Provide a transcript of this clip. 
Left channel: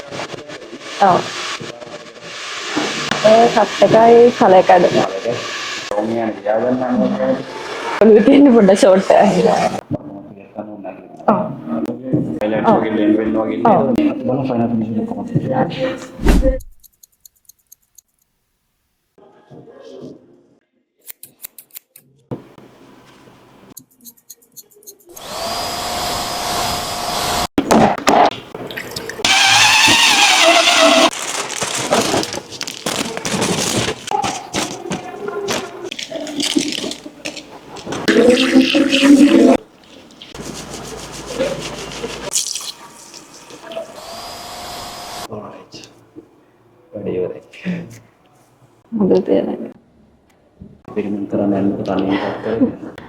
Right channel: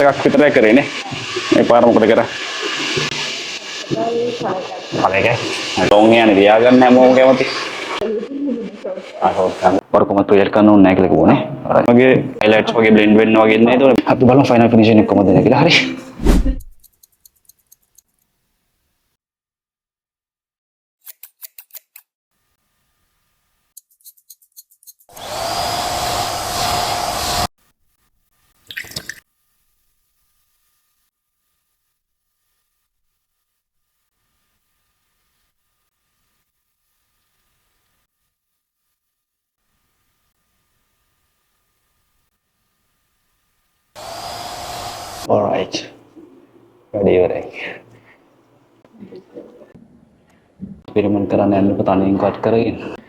Cut එකක් විතරයි කරේනේ. ඔව්. මේ පාර මොකද කරා? ඒ කට් එකයි කලයකඩ. කලයකයි. ලොන් යන්නේ තියාගන්න හැමෝම කැමති. ඔළුවේ තියෙන පොඩ්ඩක් ෂෝට් එකක්. බරකොම ප්‍රොජෙක්ට් කරන්න ඕනේ නැහැ කියලා කිව්වනේ. මගේ highlights වගේ blend වෙන්න වගේ ඉන්නේ. ඒක අපි බලමු final finishing එක කොහොමද දෙන්නේ කියලා. හරි. Alright. වැඩි ඉවරයි. හොඳට තියෙනවා. එක්ස්පෙරිමන්ට් කරන්න යන්න තනියෙන් කට් කරගෙන